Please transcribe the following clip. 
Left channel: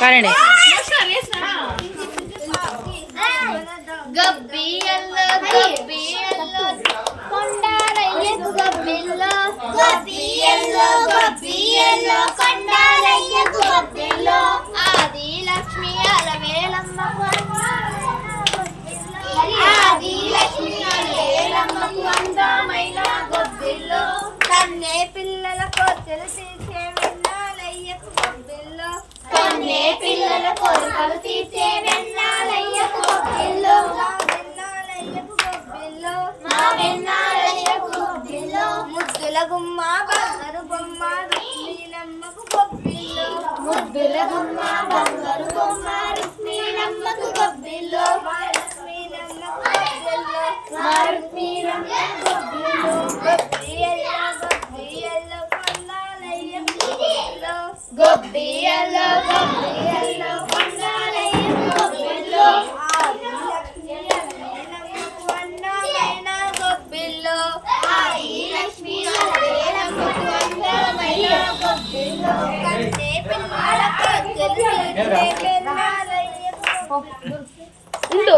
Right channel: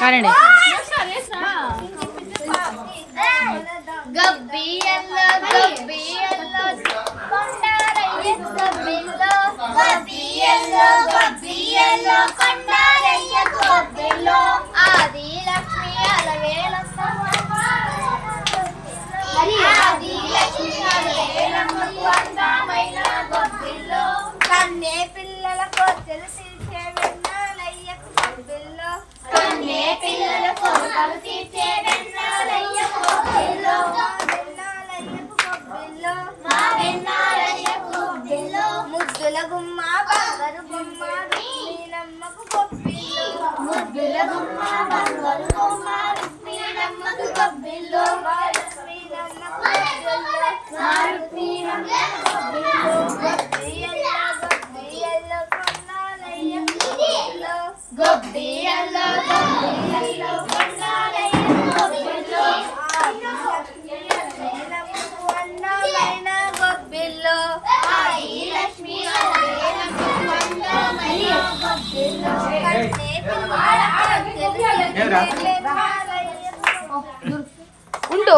కానండి ఆది లక్ష్మి అలవేలమ్మ అందమైన గొబ్బిల్లో కన్నే పిల్లల కొత్తలు తీర్చే వెన్నాలయ్యకు గొబ్బిల్లో కన్నే పిల్లల కొరకలు తీర్చే వెన్నాలయ్యకు గొబ్బిల్లో వెన్నాలయ్యకు గొబ్బిల్లో మా వెన్నాలయ్యకు గొబ్బిల్లో ముద్దుల గుమ్మ బంగారు బొమ్మ రుక్మిణమ్మకు గొబ్బిల్లో ముద్దుల గుమ్మ బంగారు బొమ్మ రుక్మిణమ్మకు గొబ్బిల్లో ఉండు